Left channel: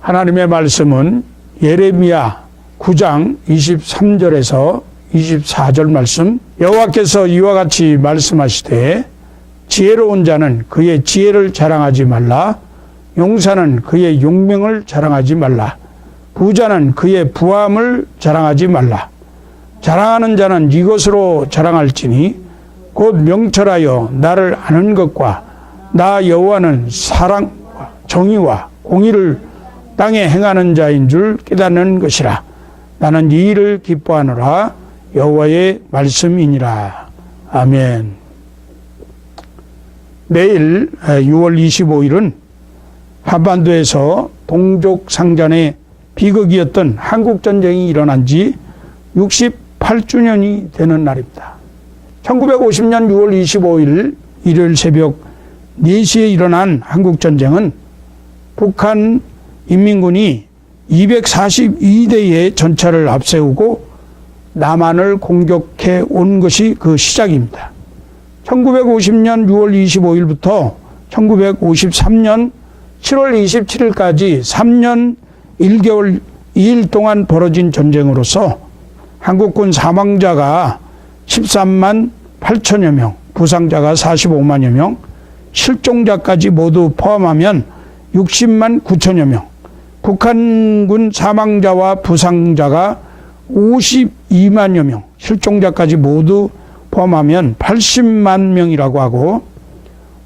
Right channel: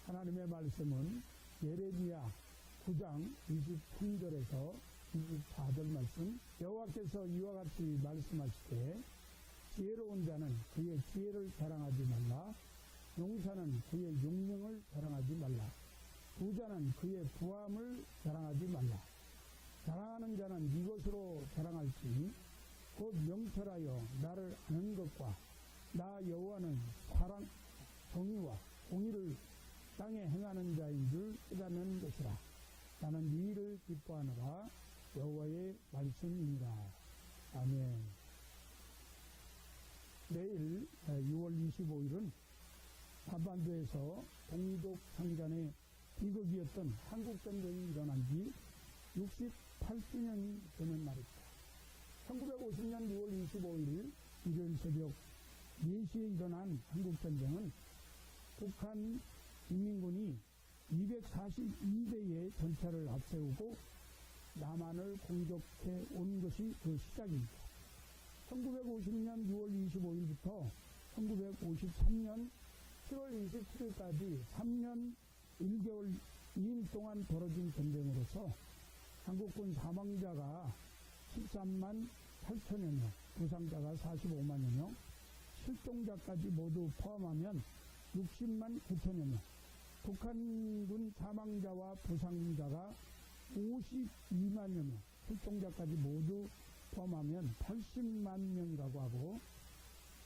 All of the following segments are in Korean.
하나님의 말씀은 예레미야 9장 23절에서 24절 말씀, 여호와께서 이와 같이 말씀하시되 지혜로운 자는 그의 지혜를 자랑하지 말라. 용사는 그의 용명을 자랑하지 말라. 부자는 그의 부함을 자랑하지 말라. 자랑하는 자는 이것으로 자랑할지니 곧 명철하여 나를 아는 것과 나 여호와는 사랑과 정의와 공의를 땅에 행하는 자인 줄 깨닫는 것이라. 나는 이 일을 기뻐하노라. 여호와의 말씀이니라. 아멘. 내일 6월 25일은 한반도에서 동족상잔의 비극이었던 한국전쟁이 일어난 지 68주년이 되는 날입니다. 1950년 6월 25일 일요일 새벽 4시에 일어난 한국전쟁은 북한 인민군이 242대의 전차를 앞세우고 남한을 공격해 온 것이 그 시작입니다. 1950년 6월 25일부터 1953년 7월 27일까지 3년 1개월 2일 동안 벌어진 전쟁으로서 한국군 사망자가 13만 8천여 명, 부상자가 45만여 명, 실종자까지 모두 포함하면 60만 9천여 명, 북한군 사망자와 부상자가 52만여 명, 실종자까지 모두 포함하면 80만 명이라고 하고,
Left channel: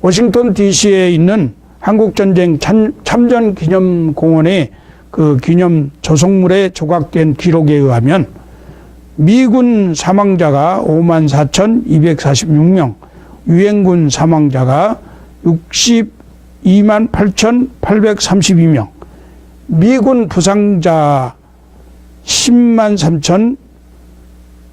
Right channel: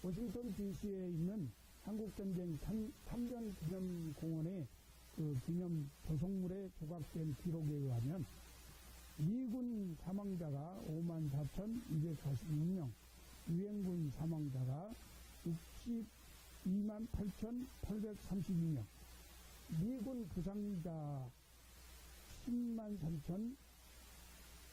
워싱턴 DC에 있는 한국전쟁 참전기념공원의 그 기념 조성물에 조각된 기록에 의하면 미군 사망자가 5만 4,246명, 유엔군 사망자가 62만 8,832명, 미군 부상자 10만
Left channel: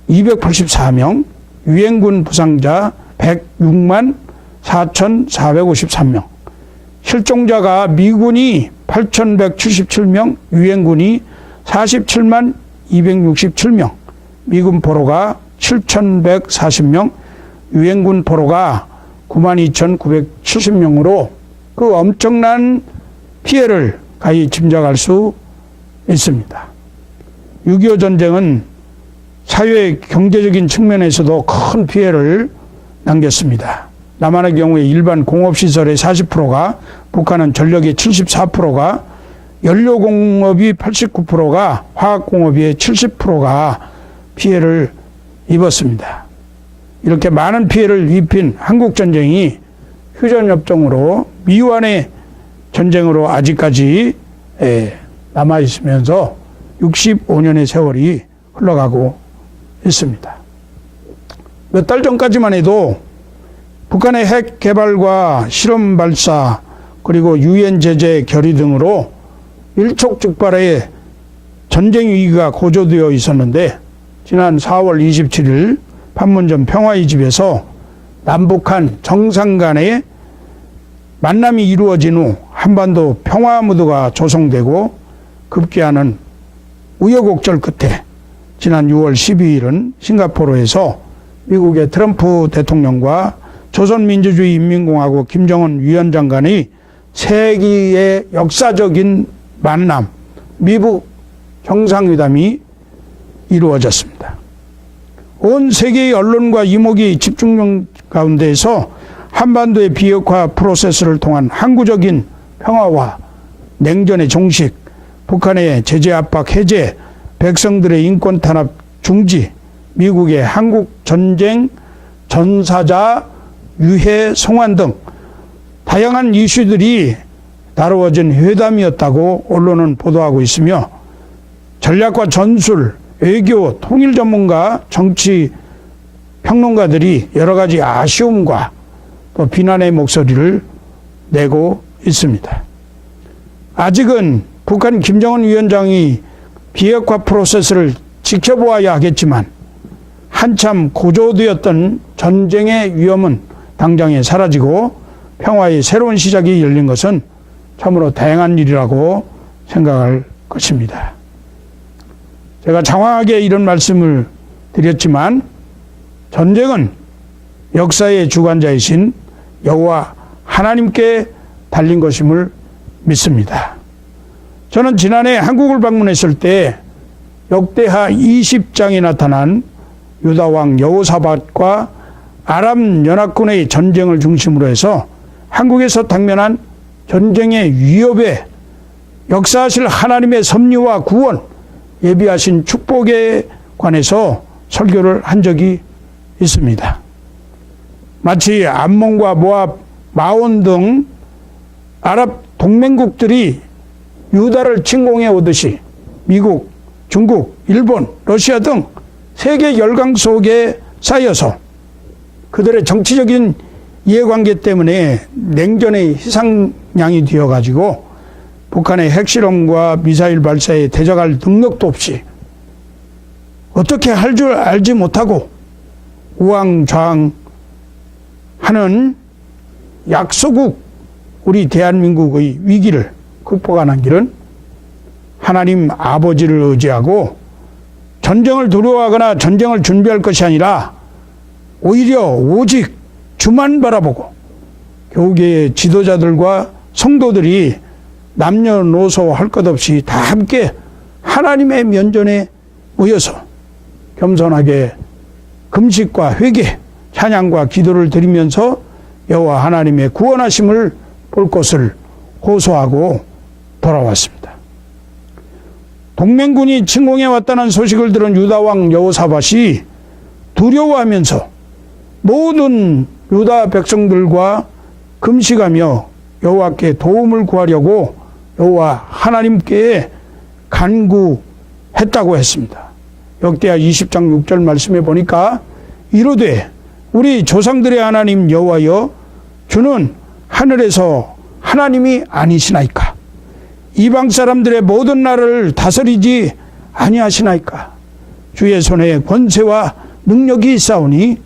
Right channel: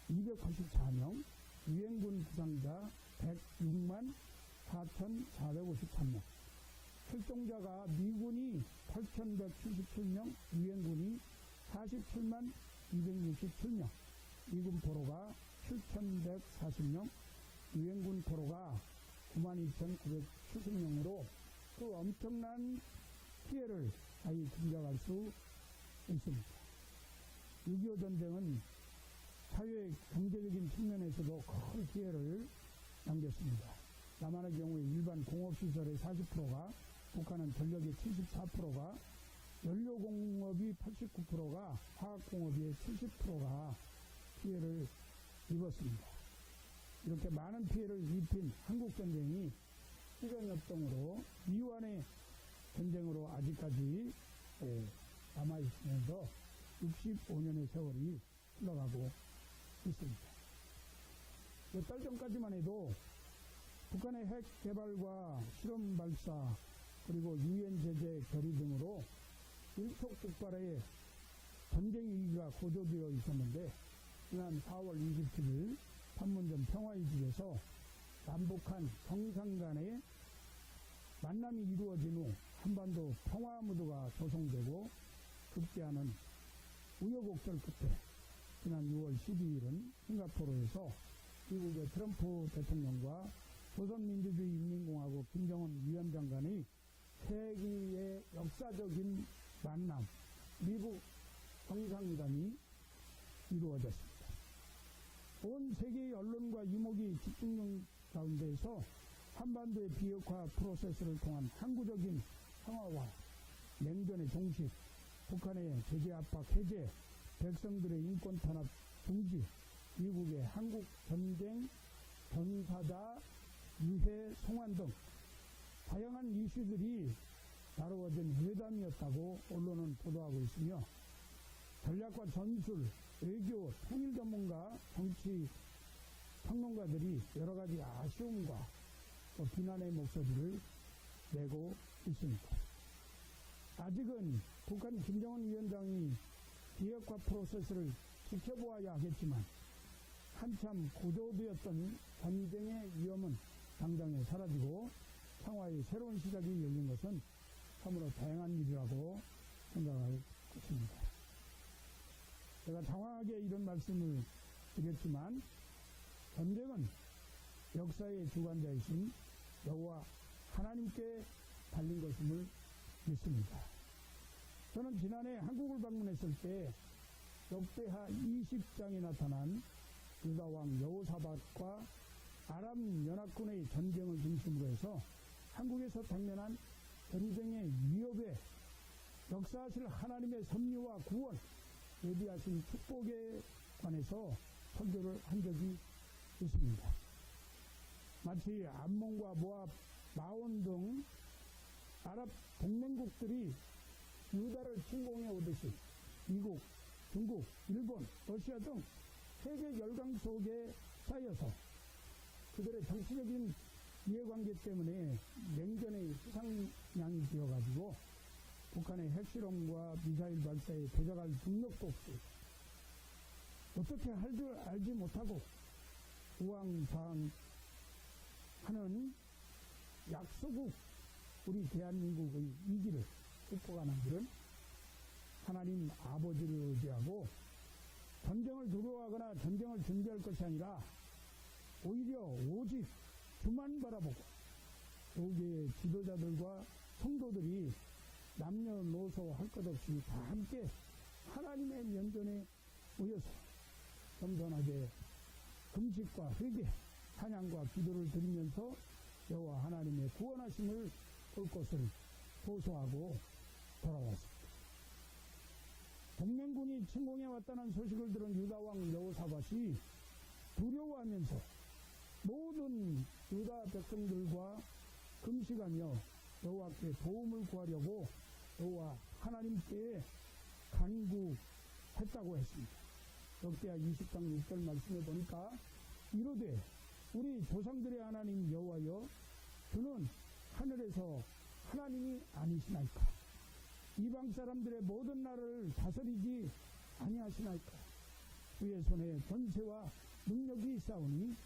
3,284명, 유엔군 부상자 106만 4,453명, 실종자가 미군이 8,177명, 유엔군이 47만 267명, 미군 포로가 7,140명, 유엔군 포로가 92,970명으로 그 엄청난 피해를 가히 짐작할 수 있습니다. 6.25 전쟁은 사회 경제적인 측면에서도 큰 피해를 남겼습니다. 남한의 경우에 일반 공업시설의 40%가, 북한은 전력의 74%가, 연료공업이 89%가, 화학공업의 70%가 피해를 입었습니다. 이렇게 많은 피해를 입힌 한국전쟁이 휴전협정으로 미완의 전쟁으로 아직까지 남아있으면서 65년의 세월이 흘러가고 있습니다. 몇 달 전까지만 해도 북한의 핵 개발과 실험 발사 그리고 유엔 제재 결의 등으로 일촉즉발의 전쟁 위기가 고조되어 있었는데, 지난 4월 27일 판문점 평화의 집에서 남북한 정상 간의 만남이 이루어진 후 한반도 평화 무드가 조성되고 급기야는 우여곡절 끝에 지난 6월 12일은 싱가포르에서 미국의 트럼프 대통령과 조선민주주의 인민공화국 김정은 위원장 간의 세기의 역사적인 만남, 미북 정상회담이 이루어졌습니다. 온 세계의 언론과 이목이 집중 가운데에서 한반도의 비핵화 프로세스를 통한 항구적인 평화와 냉전의 종식, 북한의 제재 압박 해제, 백성들의 인권 탄압 중지, 미국의 한국 전쟁 전사자 유해 송환 등 다양한 이슈들이 다루어진 회담이었다고 언론은 보도하고 있으며, 전략과 전술, 외교, 통일 전문가, 정치 평론가들이 여러 가지 아쉬움과 또 비난의 목소리를 내고 있습니다. 아직은 북한 김정은 위원장이 비핵화 프로세스를 지켜보아야 하겠지만, 한참 고조되었던 전쟁의 위험은 당장에 사라지고 평화의 새로운 시작이 열린 것은 참으로 다행한 일이라고 생각할 것입니다. 제가 장황하게 이런 말씀을 드렸지만, 전쟁은 역사의 주관자이신 여호와 하나님께 달린 것임을 믿습니다. 저는 지난해 한국을 방문했을 때 역대하 20장에 나타난 유다왕 여호사밧과 아람 연합군의 전쟁을 중심으로 해서 한국에서 당면한 전쟁의 위협에 역사하실 하나님의 섭리와 구원, 예비하신 축복에 관해서 설교를 한 적이 있습니다. 마치 암몬과 모압, 마온 등 아랍 동맹국들이 유다를 침공해 오듯이 미국, 중국, 일본, 러시아 등 세계 열강 속에 쌓여서 그들의 정치적인 이해관계 때문에 냉전의 희생양이 되어가지고 북한의 핵실험과 미사일 발사에 대적할 능력도 없이 어떻게 할 줄 알지 못하고 우왕좌왕하는 약소국 우리 대한민국의 위기를 극복하는 길은 하나님 아버지를 의지하고 전쟁을 두려워하거나 전쟁을 준비할 것이 아니라 오히려 오직 주만 바라보고 교계의 지도자들과 성도들이 남녀노소 할 것 없이 다 함께 하나님의 면전에 모여서 겸손하게 금식과 회개, 찬양과 기도를 드리면서 여호와 하나님의 구원하심을 볼 것을 호소하고 돌아왔습니다. 동맹군이 침공해 왔다는 소식을 들은 유다왕 여호사밧이 두려워하면서 모든 유다 백성들과 금식하며 여호와께 도움을 구하려고 여호와 하나님께 간구했다고 했습니다. 역대하 20장 6절 말씀에 보니까 이르되 우리 조상들의 하나님 여호와여 주는 하늘에서 하나님이 아니시나이까? 이방 사람들의 모든 나라를 다스리지 아니하시나이까? 주의 손에 권세와 능력이 있사오니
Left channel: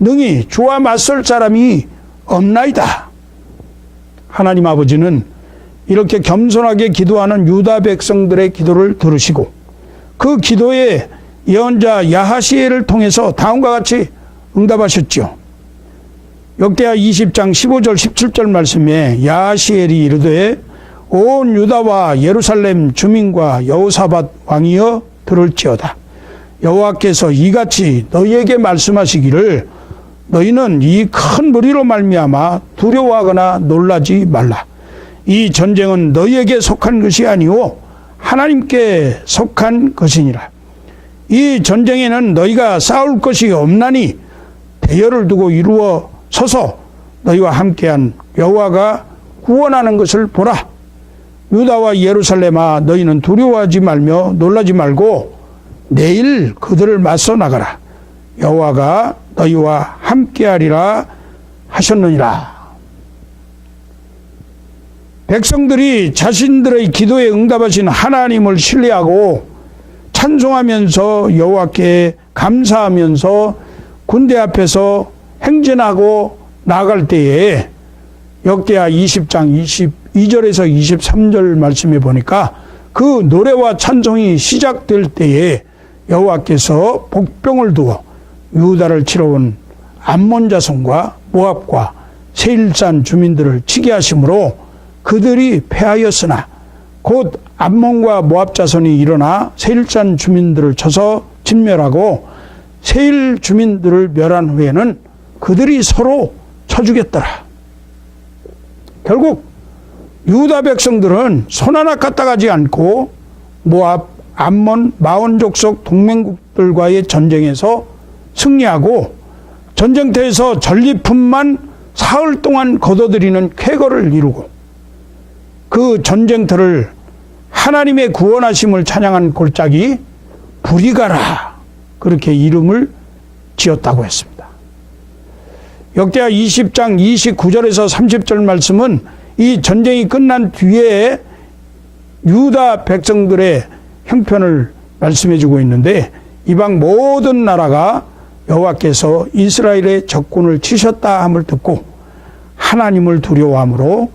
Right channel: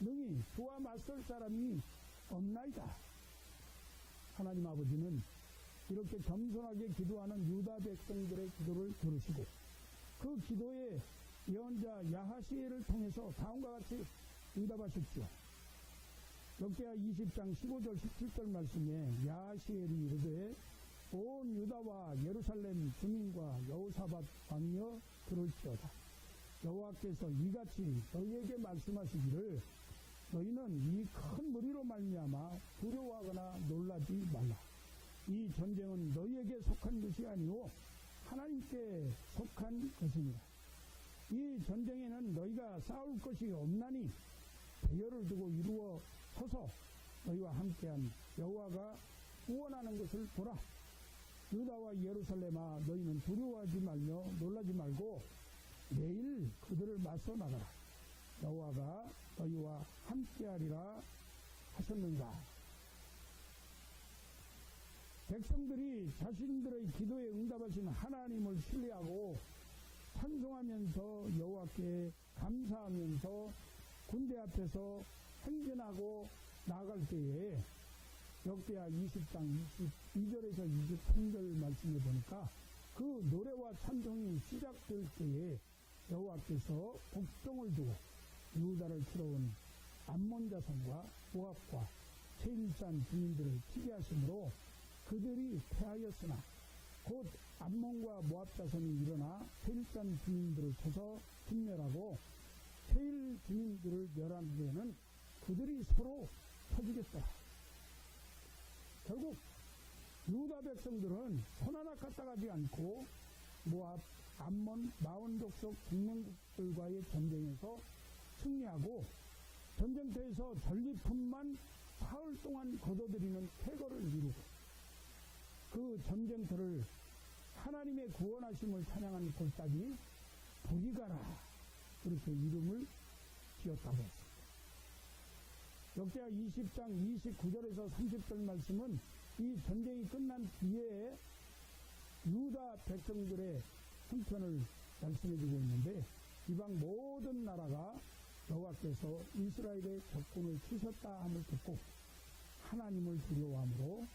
능히 주와 맞설 사람이 없나이다. 하나님 아버지는 이렇게 겸손하게 기도하는 유다 백성들의 기도를 들으시고 그 기도에 예언자 야하시엘을 통해서 다음과 같이 응답하셨죠. 역대하 20장 15절 17절 말씀에 야하시엘이 이르되 온 유다와 예루살렘 주민과 여호사밧 왕이여 들을지어다. 여호와께서 이같이 너희에게 말씀하시기를 너희는 이 큰 무리로 말미암아 두려워하거나 놀라지 말라. 이 전쟁은 너희에게 속한 것이 아니오 하나님께 속한 것이니라. 이 전쟁에는 너희가 싸울 것이 없나니 대열을 두고 이루어 서서 너희와 함께한 여호와가 구원하는 것을 보라. 유다와 예루살렘아 너희는 두려워하지 말며 놀라지 말고 내일 그들을 맞서 나가라. 여호와가 너희와 함께하리라 하셨느니라. 백성들이 자신들의 기도에 응답하신 하나님을 신뢰하고 찬송하면서 여호와께 감사하면서 군대 앞에서 행진하고 나갈 때에 역대하 20장 22절에서 23절 말씀에 보니까 그 노래와 찬송이 시작될 때에 여호와께서 복병을 두어 유다를 치러온 암몬 자손과 모압과 세일산 주민들을 치게 하심으로 그들이 패하였으나 곧 암몬과 모압 자손이 일어나 세일산 주민들을 쳐서 진멸하고 세일 주민들을 멸한 후에는 그들이 서로 쳐주겠더라. 결국 유다 백성들은 손 하나 까딱하지 않고 모압, 암몬, 마온 족속 동맹국들과의 전쟁에서 승리하고 전쟁터에서 전리품만 사흘 동안 거둬들이는 쾌거를 이루고 그 전쟁터를 하나님의 구원하심을 찬양한 골짜기 브리가라 그렇게 이름을 지었다고 했습니다. 역대하 20장 29절에서 30절 말씀은 이 전쟁이 끝난 뒤에 유다 백성들의 형편을 말씀해 주고 있는데 이방 모든 나라가 여호와께서 이스라엘의 적군을 치셨다 함을 듣고 하나님을 두려워함으로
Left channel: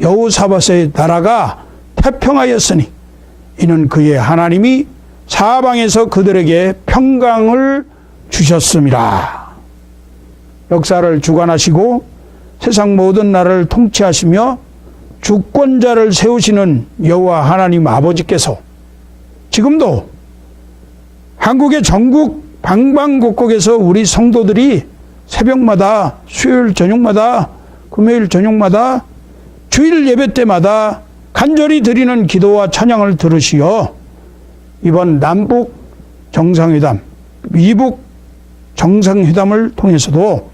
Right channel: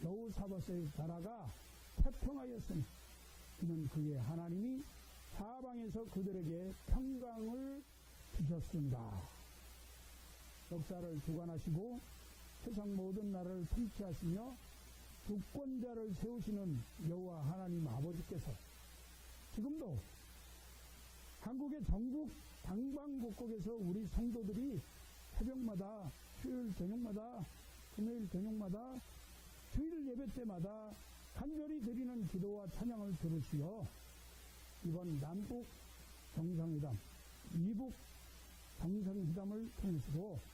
여호사밧의 나라가 태평하였으니 이는 그의 하나님이 사방에서 그들에게 평강을 주셨음이라. 역사를 주관하시고 세상 모든 나라를 통치하시며 주권자를 세우시는 여호와 하나님 아버지께서 지금도 한국의 전국 방방곡곡에서 우리 성도들이 새벽마다, 수요일 저녁마다, 금요일 저녁마다, 주일 예배 때마다 간절히 드리는 기도와 찬양을 들으시어 이번 남북 정상회담, 미북 정상회담을 통해서도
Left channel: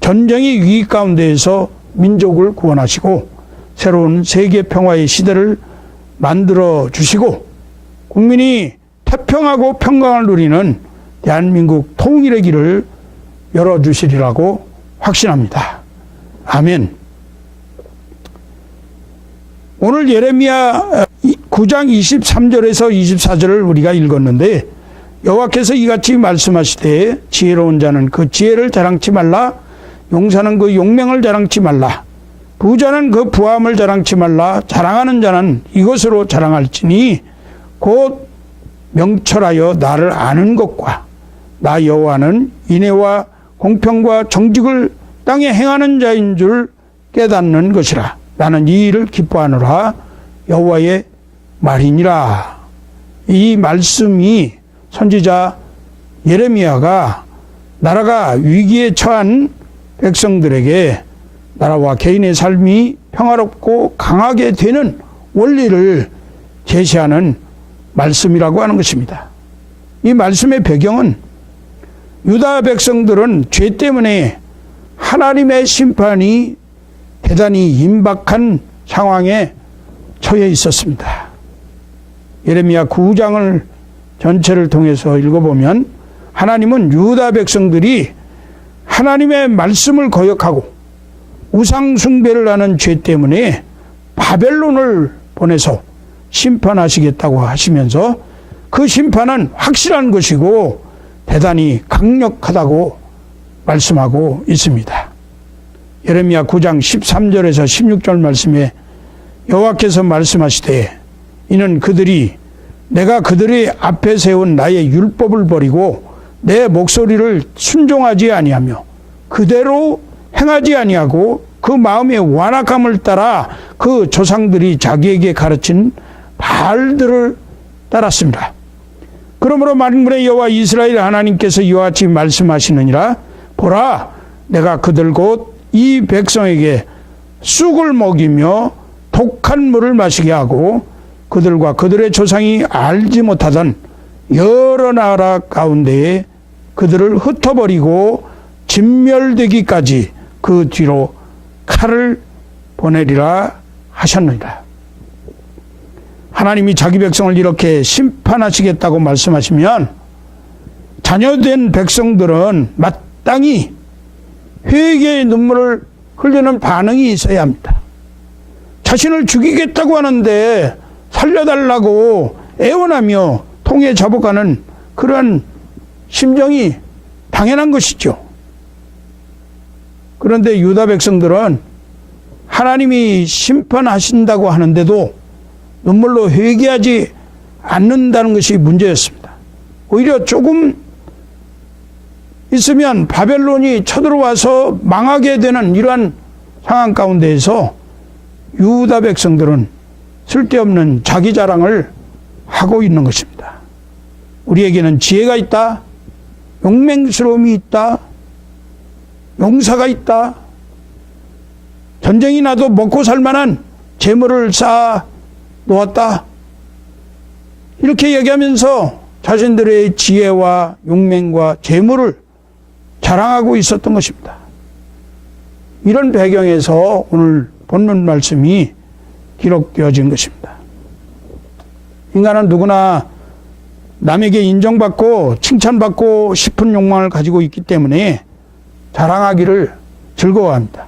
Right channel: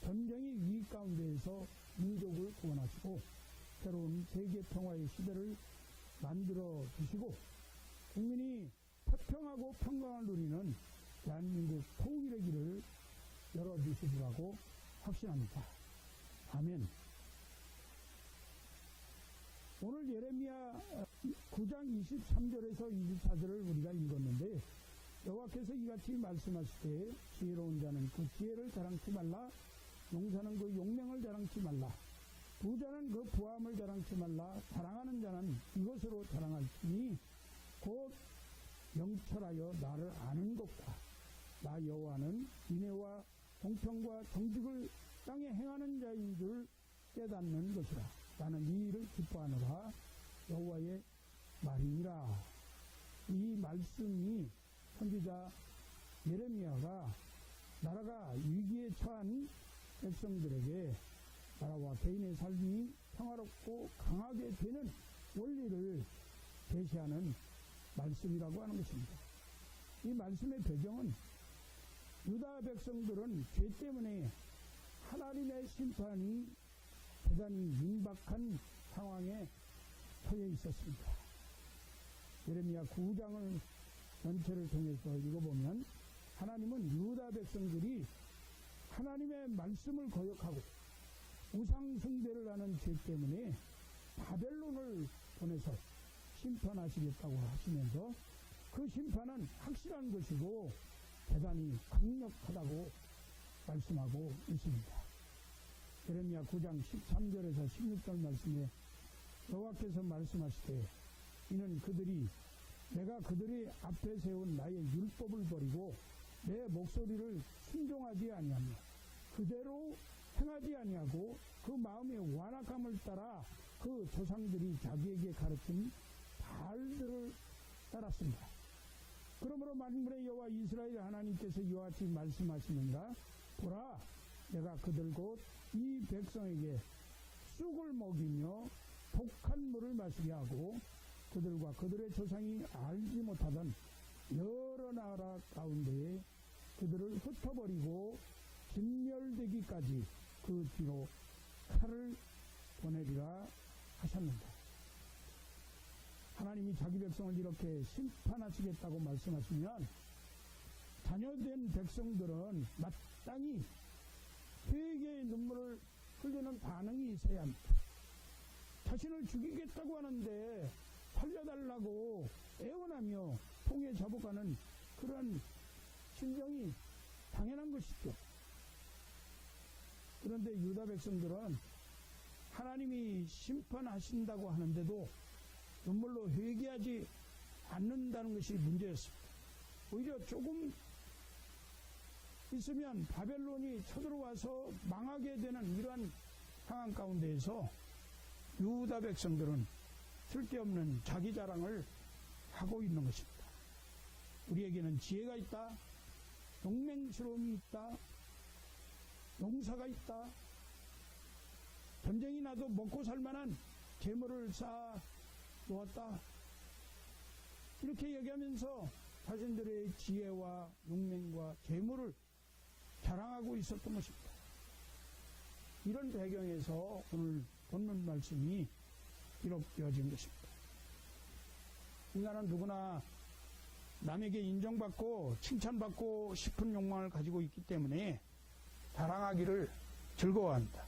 전쟁의 위기 가운데에서 민족을 구원하시고 새로운 세계 평화의 시대를 만들어 주시고 국민이 태평하고 평강을 누리는 대한민국 통일의 길을 열어주시리라고 확신합니다. 아멘. 오늘 예레미야 9장 23절에서 24절을 우리가 읽었는데 여호와께서 이같이 말씀하시되 지혜로운 자는 그 지혜를 자랑치 말라, 용사는 그 용맹을 자랑치 말라, 부자는 그 부함을 자랑치 말라. 자랑하는 자는 이것으로 자랑할지니 곧 명철하여 나를 아는 것과 나 여호와는 인애와 공평과 정직을 땅에 행하는 자인 줄 깨닫는 것이라. 나는 이 일을 기뻐하노라. 여호와의 말이니라. 이 말씀이 선지자 예레미야가 나라가 위기에 처한 백성들에게 나라와 개인의 삶이 평화롭고 강하게 되는 원리를 제시하는 말씀이라고 하는 것입니다. 이 말씀의 배경은 유다 백성들은 죄 때문에 하나님의 심판이 대단히 임박한 상황에 처해 있었습니다. 예레미야 9장을 전체를 통해서 읽어보면 하나님은 유다 백성들이 하나님의 말씀을 거역하고 우상 숭배를 하는 죄 때문에 바벨론을 보내서 심판하시겠다고 하시면서 그 심판은 확실한 것이고 대단히 강력하다고 말씀하고 있습니다. 예레미야 9장 13절에서 16절 말씀에 여호와께서 말씀하시되 이는 그들이 내가 그들의 앞에 세운 나의 율법을 버리고 내 목소리를 순종하지 아니하며 그대로 행하지 아니하고 그 마음의 완악함을 따라 그 조상들이 자기에게 가르친 바알들을 따랐습니다. 그러므로 만군의 여호와 이스라엘 하나님께서 이와 같이 말씀하시느니라. 보라, 내가 그들 곧 이 백성에게 쑥을 먹이며 독한 물을 마시게 하고 그들과 그들의 조상이 알지 못하던 여러 나라 가운데에 그들을 흩어버리고 진멸되기까지 그 뒤로 칼을 보내리라 하셨느니라. 하나님이 자기 백성을 이렇게 심판하시겠다고 말씀하시면 자녀된 백성들은 마땅히 회개의 눈물을 흘리는 반응이 있어야 합니다. 자신을 죽이겠다고 하는데 살려달라고 애원하며 통에 잡아가는 그런 심정이 당연한 것이죠. 그런데 유다 백성들은 하나님이 심판하신다고 하는데도 눈물로 회개하지 않는다는 것이 문제였습니다. 오히려 조금 있으면 바벨론이 쳐들어와서 망하게 되는 이러한 상황 가운데에서 유다 백성들은 쓸데없는 자기 자랑을 하고 있는 것입니다. 우리에게는 지혜가 있다, 용맹스러움이 있다, 용사가 있다, 전쟁이 나도 먹고 살 만한 재물을 쌓아 놓았다. 이렇게 얘기하면서 자신들의 지혜와 용맹과 재물을 자랑하고 있었던 것입니다. 이런 배경에서 오늘 본문 말씀이 기록되어진 것입니다. 인간은 누구나 남에게 인정받고 칭찬받고 싶은 욕망을 가지고 있기 때문에 자랑하기를 즐거워합니다.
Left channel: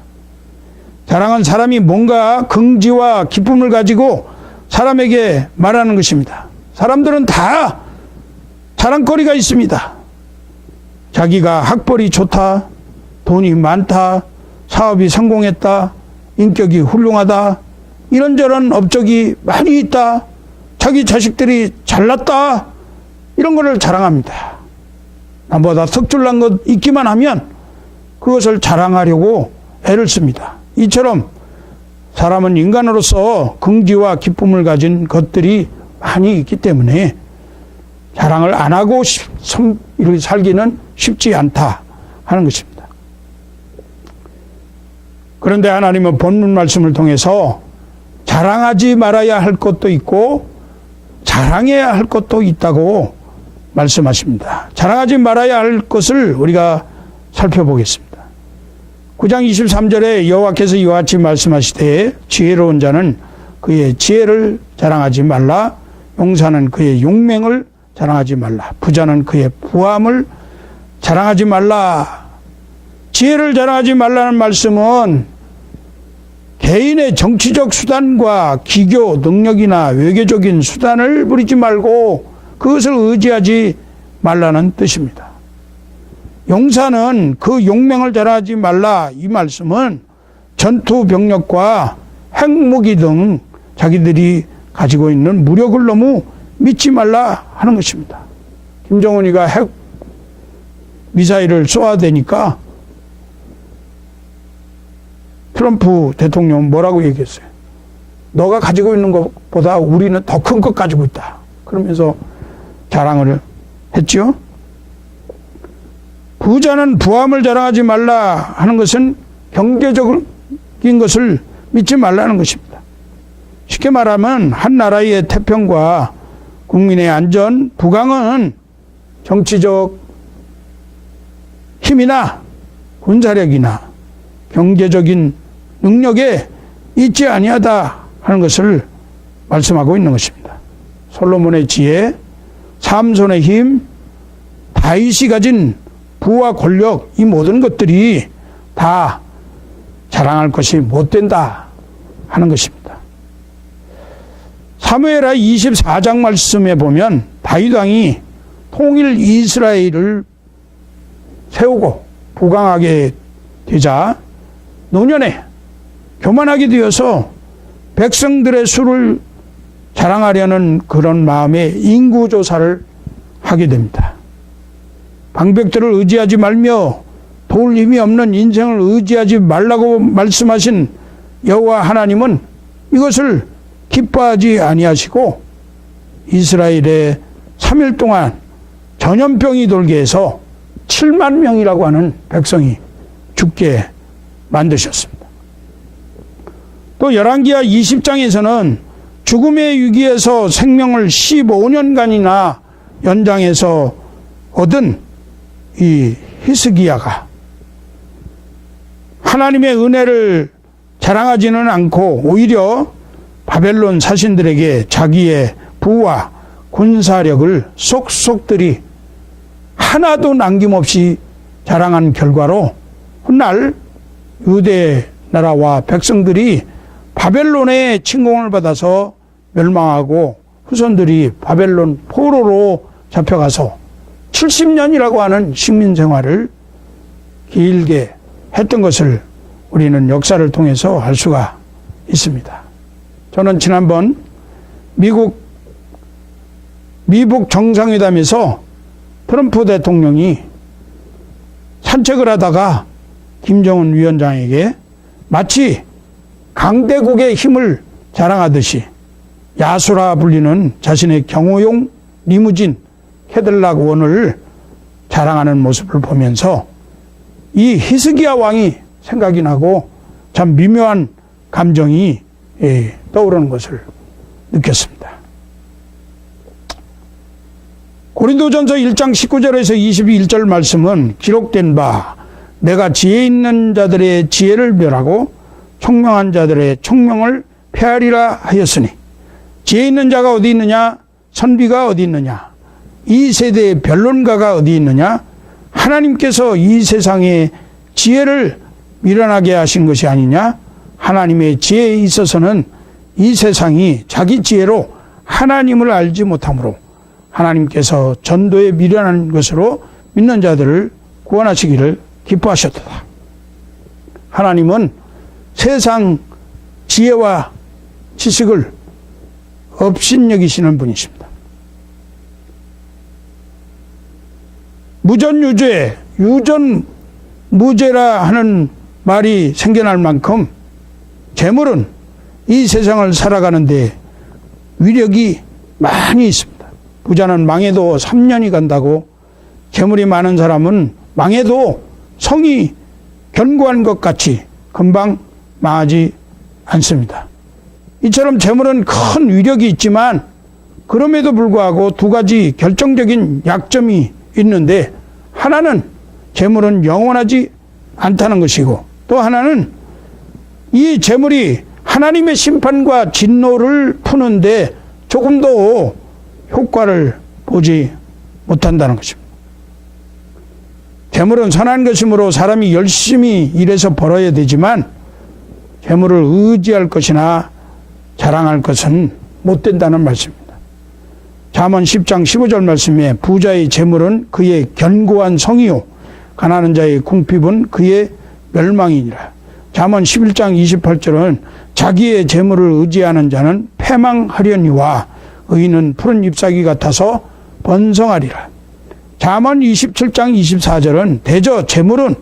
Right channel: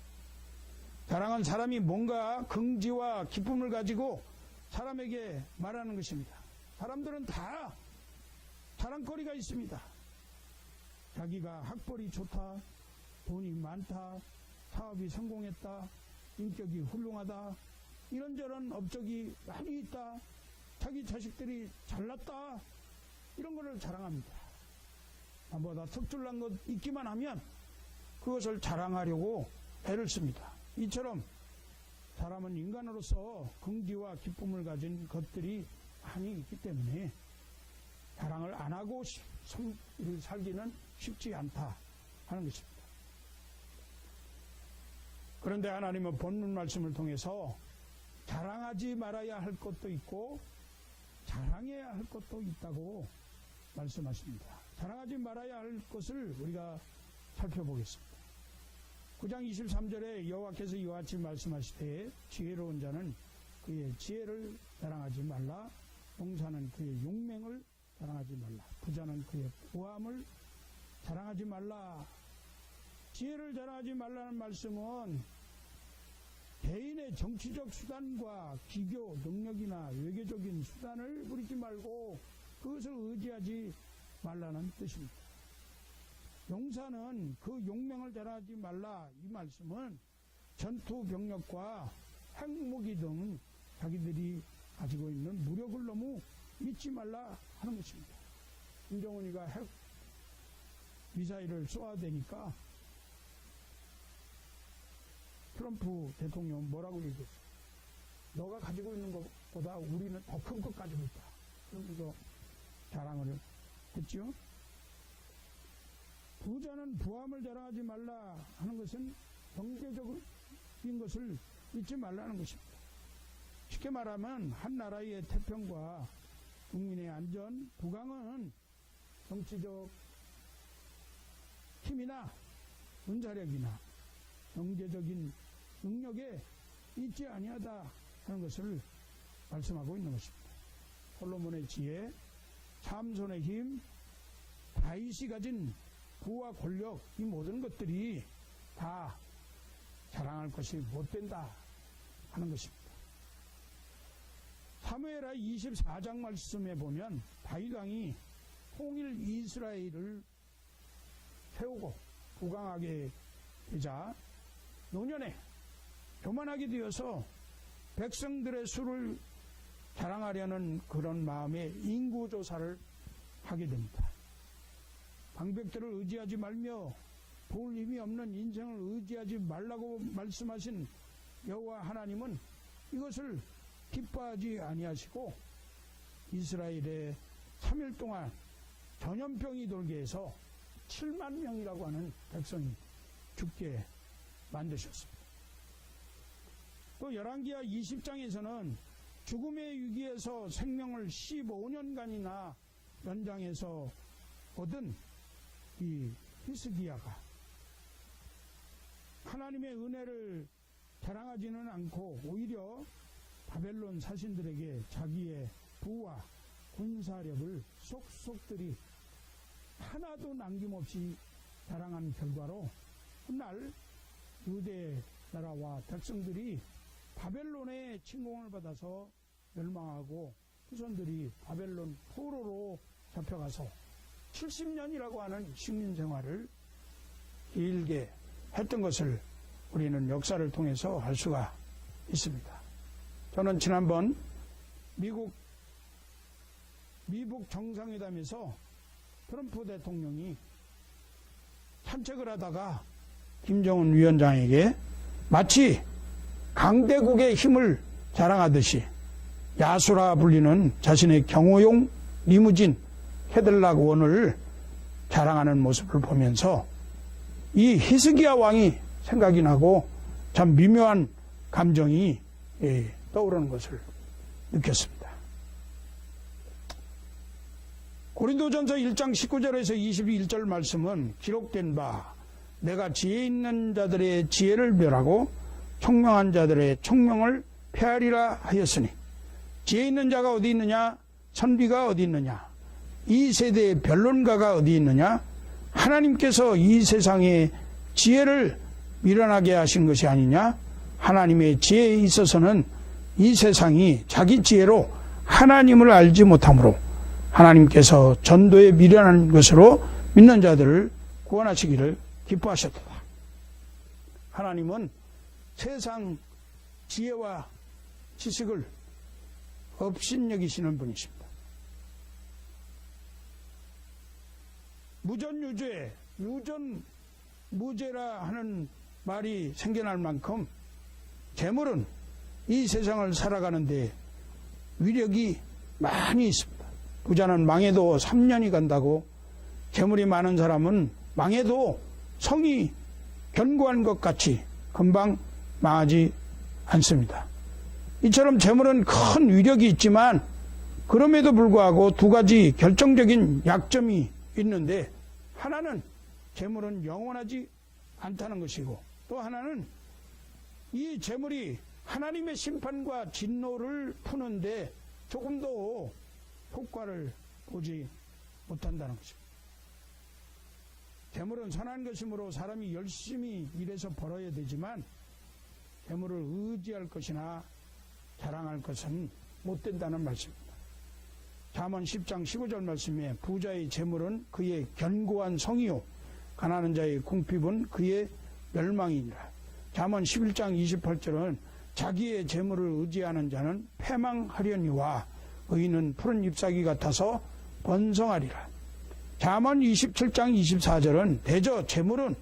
자랑은 사람이 뭔가 긍지와 기쁨을 가지고 사람에게 말하는 것입니다. 사람들은 다 자랑거리가 있습니다. 자기가 학벌이 좋다, 돈이 많다, 사업이 성공했다, 인격이 훌륭하다, 이런저런 업적이 많이 있다, 자기 자식들이 잘났다, 이런 것을 자랑합니다. 남보다 특출난 것 있기만 하면 그것을 자랑하려고 애를 씁니다. 이처럼 사람은 인간으로서 긍지와 기쁨을 가진 것들이 많이 있기 때문에 자랑을 안 하고 이렇게 살기는 쉽지 않다 하는 것입니다. 그런데 하나님은 본문 말씀을 통해서 자랑하지 말아야 할 것도 있고 자랑해야 할 것도 있다고 말씀하십니다. 자랑하지 말아야 할 것을 우리가 살펴보겠습니다. 9장 23절에 여호와께서 이와 같이 말씀하시되 지혜로운 자는 그의 지혜를 자랑하지 말라. 용사는 그의 용맹을 자랑하지 말라. 부자는 그의 부함을 자랑하지 말라. 지혜를 자랑하지 말라는 말씀은 개인의 정치적 수단과 기교, 능력이나 외교적인 수단을 부리지 말고 그것을 의지하지 말라는 뜻입니다. 용사는 그 용맹을 자랑하지 말라. 이 말씀은 전투 병력과 핵무기 등 자기들이 가지고 있는 무력을 너무 믿지 말라 하는 것입니다. 김정은이가 핵 미사일을 쏘아대니까 트럼프 대통령은 뭐라고 얘기했어요? 너가 가지고 있는 것보다 우리는 더 큰 것 가지고 있다. 그러면서 자랑을 했죠. 부자는 부함을 자랑하지 말라 하는 것은 경제적인 것을 믿지 말라는 것입니다. 쉽게 말하면 한 나라의 태평과 국민의 안전, 부강은 정치적 힘이나 군사력이나 경제적인 능력에 있지 아니하다 하는 것을 말씀하고 있는 것입니다. 솔로몬의 지혜, 삼손의 힘, 다윗이 가진 부와 권력, 이 모든 것들이 다 자랑할 것이 못 된다 하는 것입니다. 사무엘하 24장 말씀에 보면 다윗 왕이 통일 이스라엘을 세우고 부강하게 되자 노년에 교만하게 되어서 백성들의 수를 자랑하려는 그런 마음에 인구조사를 하게 됩니다. 방백들을 의지하지 말며 도울 힘이 없는 인생을 의지하지 말라고 말씀하신 여호와 하나님은 이것을 기뻐하지 아니하시고 이스라엘에 3일 동안 전염병이 돌게 해서 7만 명이라고 하는 백성이 죽게 만드셨습니다. 또 열왕기하 20장에서는 죽음의 위기에서 생명을 15년간이나 연장해서 얻은 이 히스기야가 하나님의 은혜를 자랑하지는 않고 오히려 바벨론 사신들에게 자기의 부와 군사력을 속속들이 하나도 남김없이 자랑한 결과로 훗날 유대 나라와 백성들이 바벨론의 침공을 받아서 멸망하고 후손들이 바벨론 포로로 잡혀가서 70년이라고 하는 식민 생활을 길게 했던 것을 우리는 역사를 통해서 알 수가 있습니다. 저는 지난번 미국 정상회담에서 트럼프 대통령이 산책을 하다가 김정은 위원장에게 마치 강대국의 힘을 자랑하듯이 야수라 불리는 자신의 경호용 리무진 캐딜락 원을 자랑하는 모습을 보면서 이 히스기야 왕이 생각이 나고 참 미묘한 감정이 떠오르는 것을 느꼈습니다. 고린도전서 1장 19절에서 21절 말씀은 기록된 바 내가 지혜 있는 자들의 지혜를 멸하고 총명한 자들의 총명을 폐하리라 하였으니 지혜 있는 자가 어디 있느냐? 선비가 어디 있느냐? 이 세대의 변론가가 어디 있느냐? 하나님께서 이 세상의 지혜를 미련하게 하신 것이 아니냐? 하나님의 지혜에 있어서는 이 세상이 자기 지혜로 하나님을 알지 못하고 하나님께서 전도에 미련한 것으로 있는 자들을 구원하시기를 기뻐하셨다. 하나님은 세상 지혜와 지식을 업신여기시는 분이십니다. 무전유죄, 유전무죄라 하는 말이 생겨날 만큼 재물은 이 세상을 살아가는데 위력이 많이 있습니다. 부자는 망해도 3년이 간다고, 재물이 많은 사람은 망해도 성이 견고한 것 같이 금방 망하지 않습니다. 이처럼 재물은 큰 위력이 있지만 그럼에도 불구하고 두 가지 결정적인 약점이 있는데, 하나는 재물은 영원하지 않다는 것이고, 또 하나는 이 재물이 하나님의 심판과 진노를 푸는데 조금도 효과를 보지 못한다는 것입니다. 재물은 선한 것이므로 사람이 열심히 일해서 벌어야 되지만 재물을 의지할 것이나 자랑할 것은 못 된다는 말씀입니다. 잠언 10장 15절 말씀에 부자의 재물은 그의 견고한 성이요 가난한 자의 궁핍은 그의 멸망이니라. 잠언 11장 28절은 자기의 재물을 의지하는 자는 패망하려니와 의인은 푸른 잎사귀 같아서 번성하리라. 잠언 27장 24절은 대저 재물은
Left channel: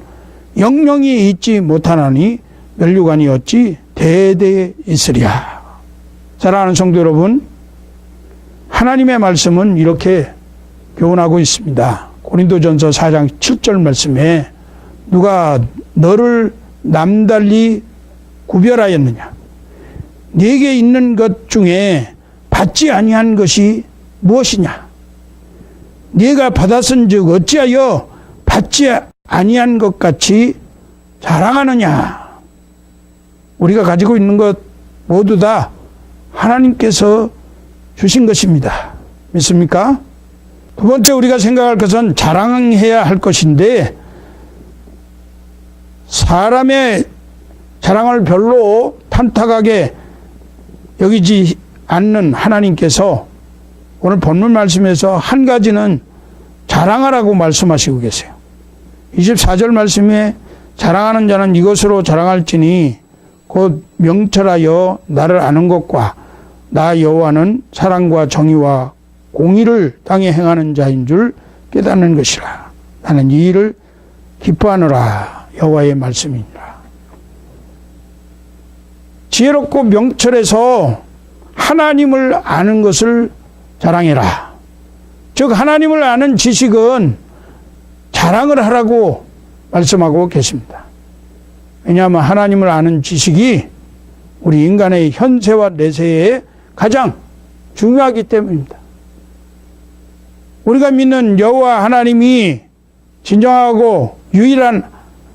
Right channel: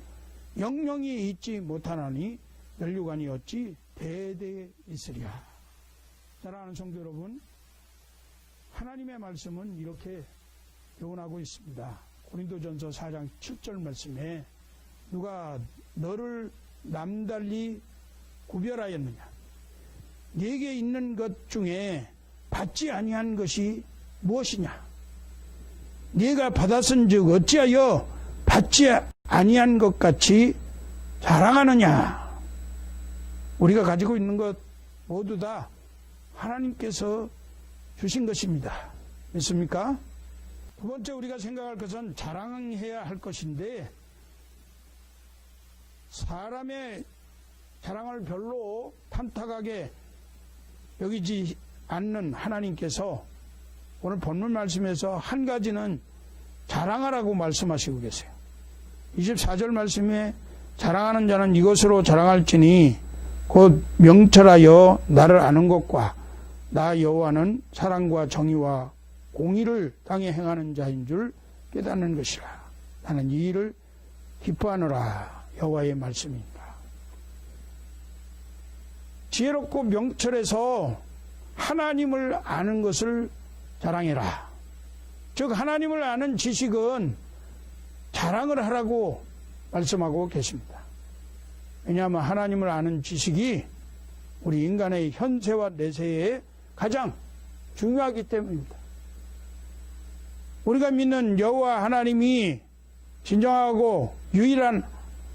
영영이 있지 못하나니 면류관이 어찌 대대에 있으랴. 사랑하는 성도 여러분, 하나님의 말씀은 이렇게 교훈하고 있습니다. 고린도전서 4장 7절 말씀에 누가 너를 남달리 구별하였느냐? 네게 있는 것 중에 받지 아니한 것이 무엇이냐? 네가 받았은즉 어찌하여 받지 아니한 것 같이 자랑하느냐? 우리가 가지고 있는 것 모두 다 하나님께서 주신 것입니다. 믿습니까? 두 번째 우리가 생각할 것은 자랑해야 할 것인데, 사람의 자랑을 별로 탐탁하게 여기지 않는 하나님께서 오늘 본문 말씀에서 한 가지는 자랑하라고 말씀하시고 계세요. 24절 말씀에 자랑하는 자는 이것으로 자랑할지니 곧 명철하여 나를 아는 것과 나 여호와는 사랑과 정의와 공의를 땅에 행하는 자인 줄 깨닫는 것이라. 나는 이 일을 기뻐하노라. 여호와의 말씀이니라. 지혜롭고 명철해서 하나님을 아는 것을 자랑해라. 즉 하나님을 아는 지식은 자랑을 하라고 말씀하고 계십니다. 왜냐하면 하나님을 아는 지식이 우리 인간의 현세와 내세에 가장 중요하기 때문입니다. 우리가 믿는 여호와 하나님이 진정하고 유일한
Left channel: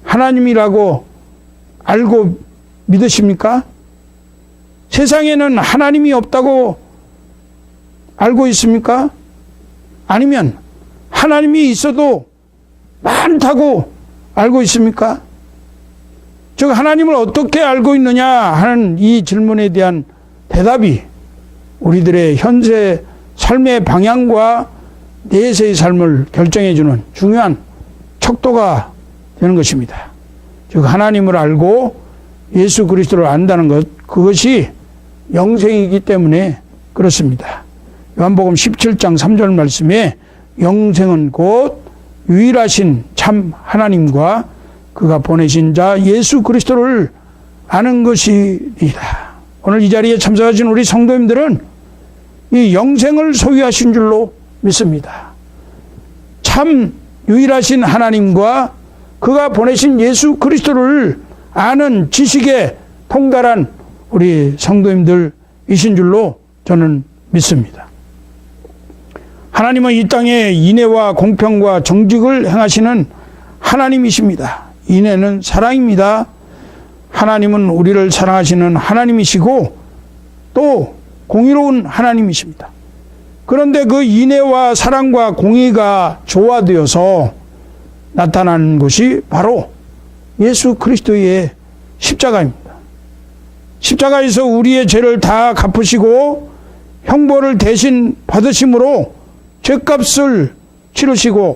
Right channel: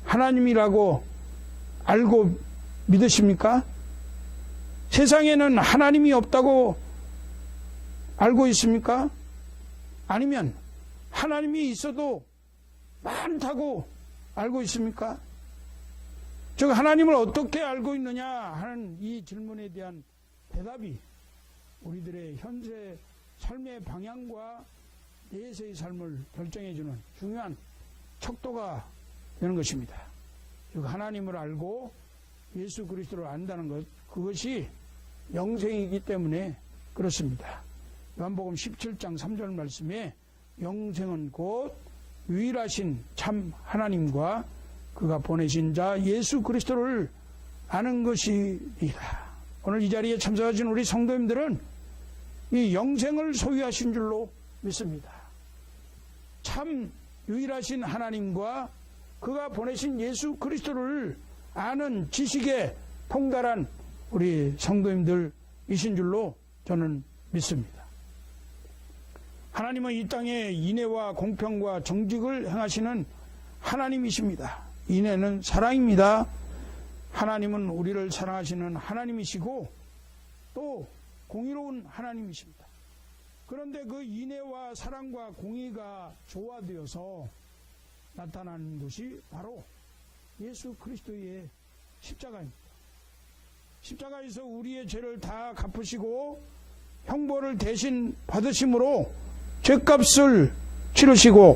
하나님이라고 알고 믿으십니까? 세상에는 하나님이 없다고 알고 있습니까? 아니면 하나님이 있어도 많다고 알고 있습니까? 즉 하나님을 어떻게 알고 있느냐 하는 이 질문에 대한 대답이 우리들의 현재 삶의 방향과 내세의 삶을 결정해주는 중요한 척도가 되는 것입니다. 즉 하나님을 알고 예수 그리스도를 안다는 것, 그것이 영생이기 때문에 그렇습니다. 요한복음 17장 3절 말씀에 영생은 곧 유일하신 참 하나님과 그가 보내신 자 예수 그리스도를 아는 것이니라. 오늘 이 자리에 참석하신 우리 성도님들은 이 영생을 소유하신 줄로 믿습니다. 참 유일하신 하나님과 그가 보내신 예수 그리스도를 아는 지식에 통달한 우리 성도님들이신 줄로 저는 믿습니다. 하나님은 이 땅에 인애와 공평과 정직을 행하시는 하나님이십니다. 인애는 사랑입니다. 하나님은 우리를 사랑하시는 하나님이시고 또 공의로운 하나님이십니다. 그런데 그 인애와 사랑과 공의가 조화되어서 나타나는 것이 바로 예수 그리스도의 십자가입니다. 십자가에서 우리의 죄를 다 갚으시고 형벌을 대신 받으심으로 죄값을 치르시고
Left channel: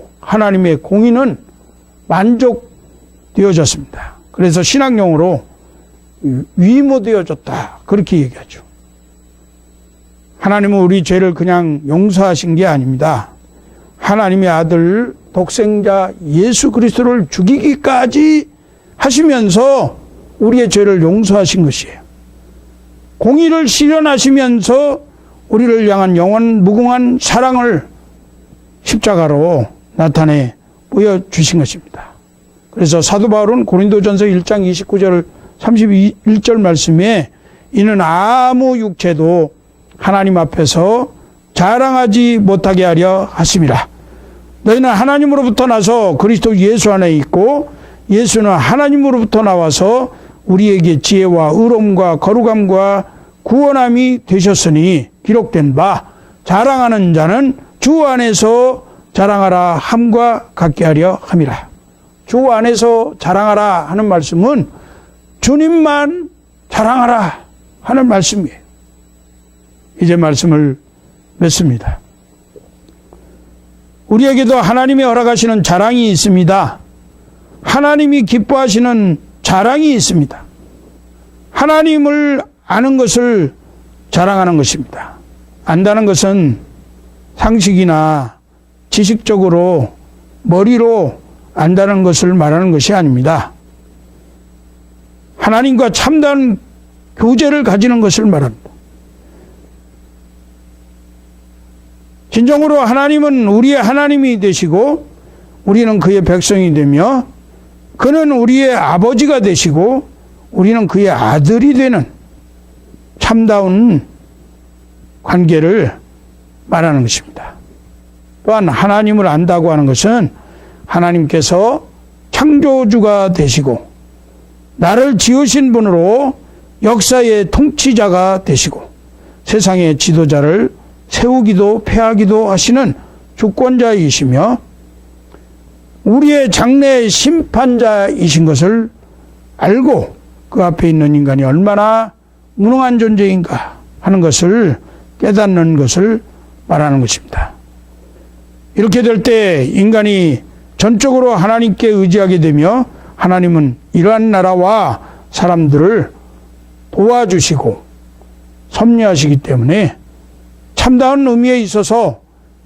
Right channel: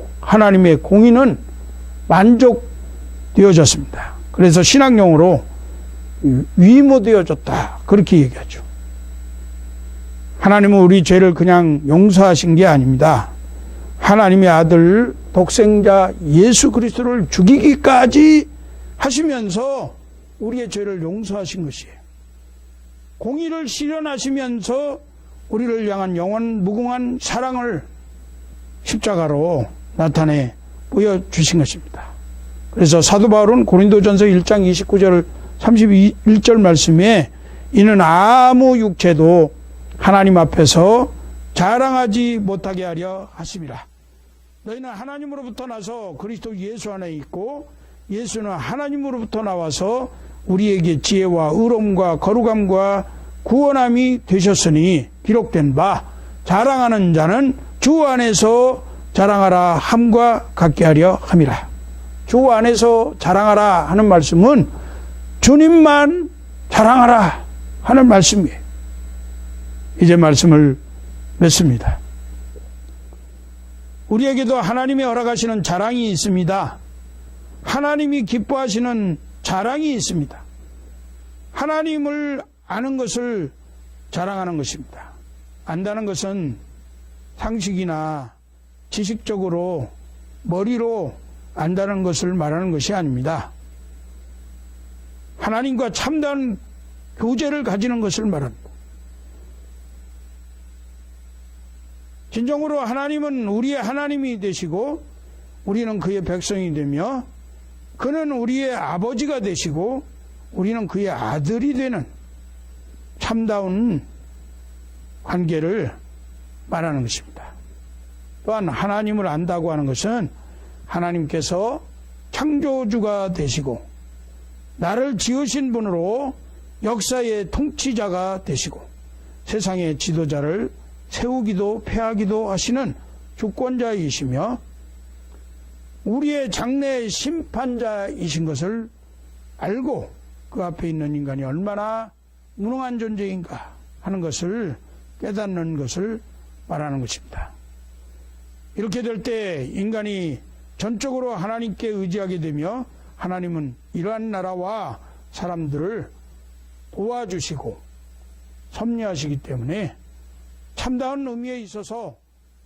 그리스도를 하시면서 우리의 죄를 용서하신 것이에요. 공의를 실현하시면서 우리를 향한 영원 무궁한 사랑을 십자가로 나타내 보여주신 것입니다. 그래서 사도 바울은 고린도전서 1장 29절 32절 말씀에 하나님 앞에서 자랑하지 못하게 하려 하심이라. 너희는 하나님으로부터 나서 그리스도 예수 안에 있고 예수는 하나님으로부터 나와서 우리에게 지혜와 의로움과 거룩함과 구원함이 되셨으니 기록된 바 자랑하는 자는 주 안에서 자랑하라 함과 같게 하려 함이라. 주 안에서 자랑하라. 이제 말씀을 맺습니다. 우리에게도 하나님이 허락하시는 자랑이 있습니다. 하나님이 기뻐하시는 자랑이 있습니다. 하나님을 아는 것을 자랑하는 것입니다. 안다는 것은 상식이나 지식적으로 머리로 안다는 것을 말하는 것이 아닙니다. 하나님과 참다한 교제를 가지는 것을 말합니다. 진정으로 하나님은 우리의 하나님이 되시고 우리는 그의 백성이 되며 그는 우리의 아버지가 되시고 우리는 그의 아들이 되는 참다운 관계를 말하는 것입니다. 또한 하나님을 안다고 하는 것은 하나님께서 창조주가 되시고 나를 지으신 분으로 역사의 통치자가 되시고 세상의 지도자를 세우기도 폐하기도 하시는 주권자이시며 우리의 장래의 심판자이신 것을 알고 그 앞에 있는 인간이 얼마나 무능한 존재인가 하는 것을 깨닫는 것을 말하는 것입니다. 이렇게 될 때 인간이 전적으로 하나님께 의지하게 되며 하나님은 이러한 나라와 사람들을 도와주시고 섭리하시기 때문에 참다운 의미에 있어서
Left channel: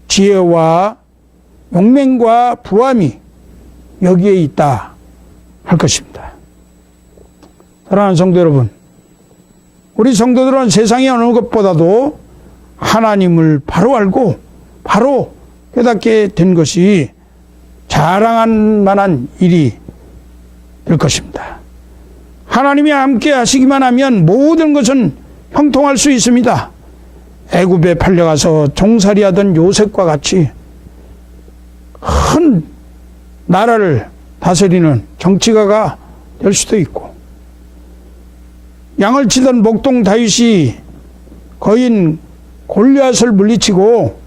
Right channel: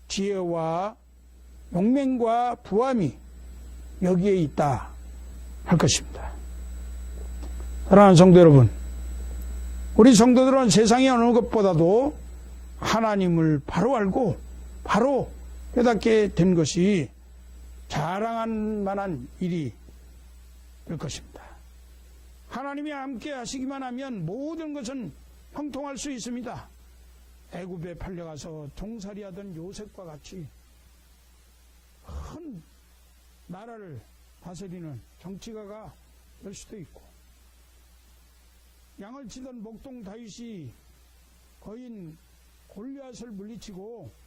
지혜와 용맹과 부함이 여기에 있다 할 것입니다. 사랑하는 성도 여러분, 우리 성도들은 세상의 어느 것보다도 하나님을 바로 알고 바로 깨닫게 된 것이 자랑할 만한 일이 될 것입니다. 하나님이 함께 하시기만 하면 모든 것은 형통할 수 있습니다. 애굽에 팔려가서 종살이하던 요셉과 같이 큰 나라를 다스리는 정치가가 될 수도 있고, 양을 치던 목동 다윗이 거인 골리앗을 물리치고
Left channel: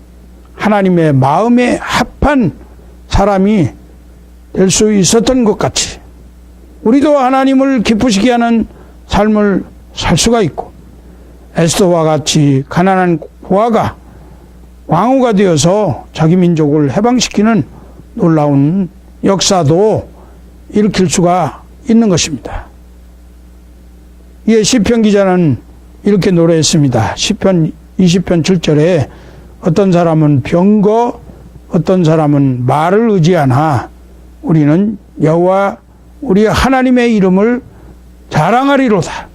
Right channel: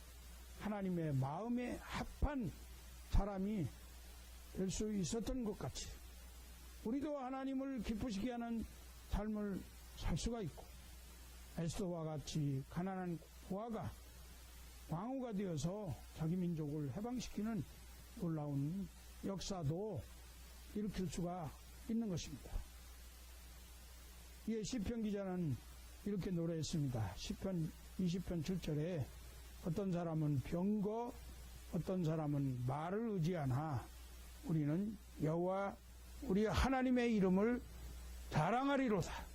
하나님의 마음에 합한 사람이 될 수 있었던 것 같이 우리도 하나님을 기쁘시게 하는 삶을 살 수가 있고, 에스더와 같이 가난한 고아가 왕후가 되어서 자기 민족을 해방시키는 놀라운 역사도 일으킬 수가 있는 것입니다. 이에 시편 기자는 이렇게 노래했습니다. 시편 20편 7절에 어떤 사람은 병거, 어떤 사람은 말을 의지하나 우리는 여호와 우리 하나님의 이름을 자랑하리로다.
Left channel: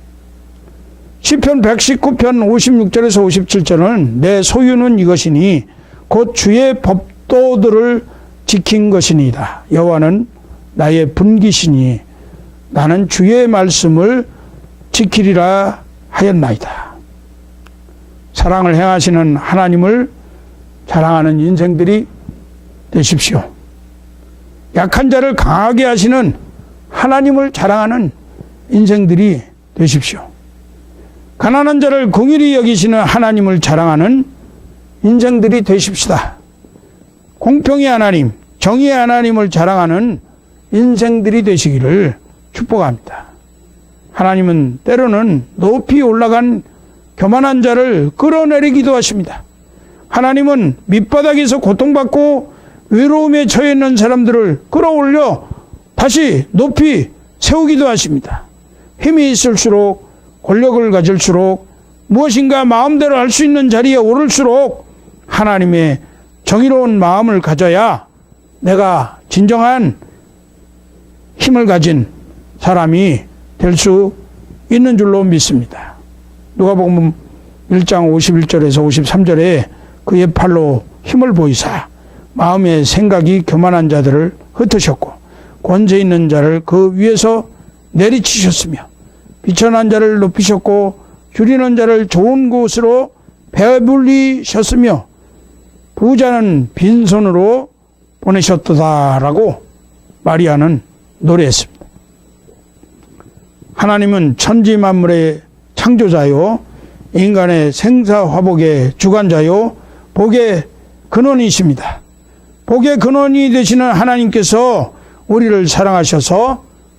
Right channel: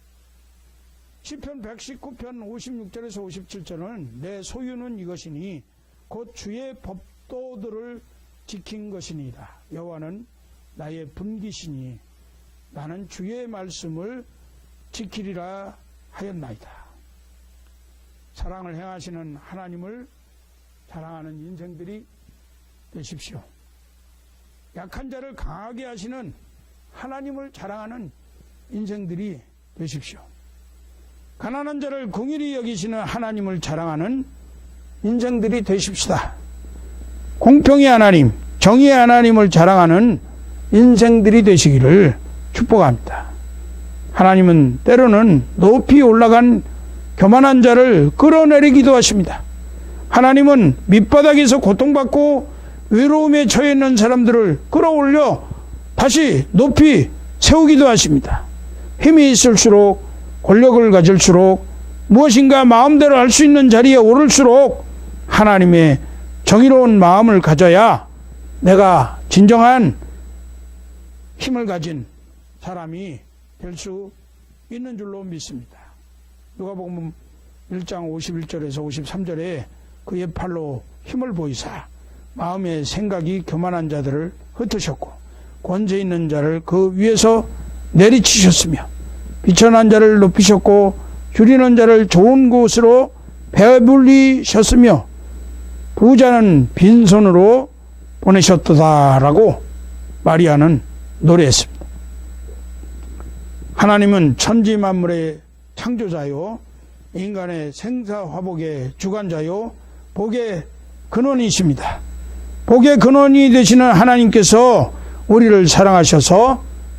시편 119편 56절에서 57절은 내 소유는 이것이니 곧 주의 법도들을 지킨 것이니이다. 여호와는 나의 분기시니 나는 주의 말씀을 지키리라 하였나이다. 사랑을 행하시는 하나님을 자랑하는 인생들이 되십시오. 약한 자를 강하게 하시는 하나님을 자랑하는 인생들이 되십시오. 가난한 자를 긍휼히 여기시는 하나님을 자랑하는 인생들이 되십시다. 고통받고 외로움에 처해 있는 사람들을 끌어올려 다시 높이 힘을 가진 사람이 될 수 있는 줄로 믿습니다. 누가복음 1장 51절에서 53절에 그의 팔로 힘을 보이사 마음의 생각이 교만한 자들을 흩으셨고 권세 있는 자를 그 위에서 마리아는 노래했습니다. 하나님은 천지 만물의 창조자요 인간의 생사화복의 주관자요 복의 근원이십니다.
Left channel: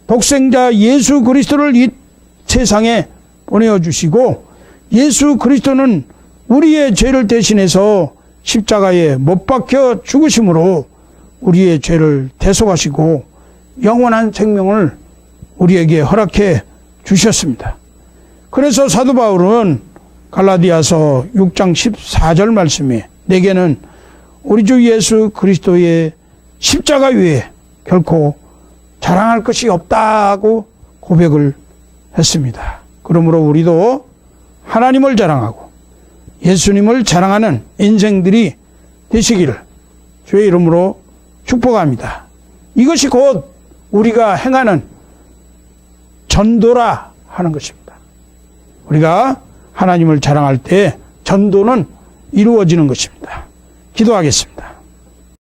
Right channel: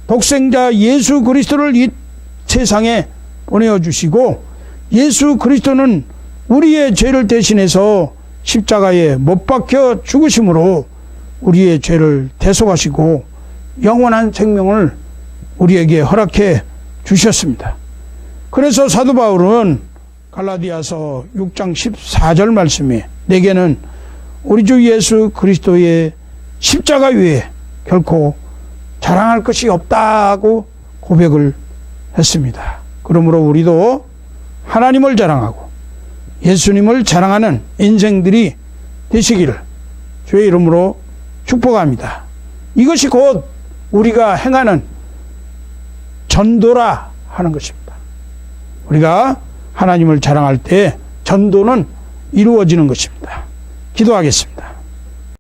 독생자 예수 그리스도를 이 세상에 보내주시고 예수 그리스도는 우리의 죄를 져서 십자가에 못 박혀 죽으시고 우리의 죄를 벗어났을 때는 영원의 생명을 우리에게 허락해 주셨습니다. 그래서 바울은 갈라디아서 6장 10절의 말씀입니다. 이게는 의중으로서 그렇게 십자가를 결코 정말 끝이 없다고 들려고 있습니다. 여러분들 이대로 하나님의 정말 예수님은 정말 인생들이 있습니다. 여러분들의 축복합니다. 이것이 우리가 하나님 인도라 우리가 하나님의 정말에 정도는 이루어집니다. 기도합니다.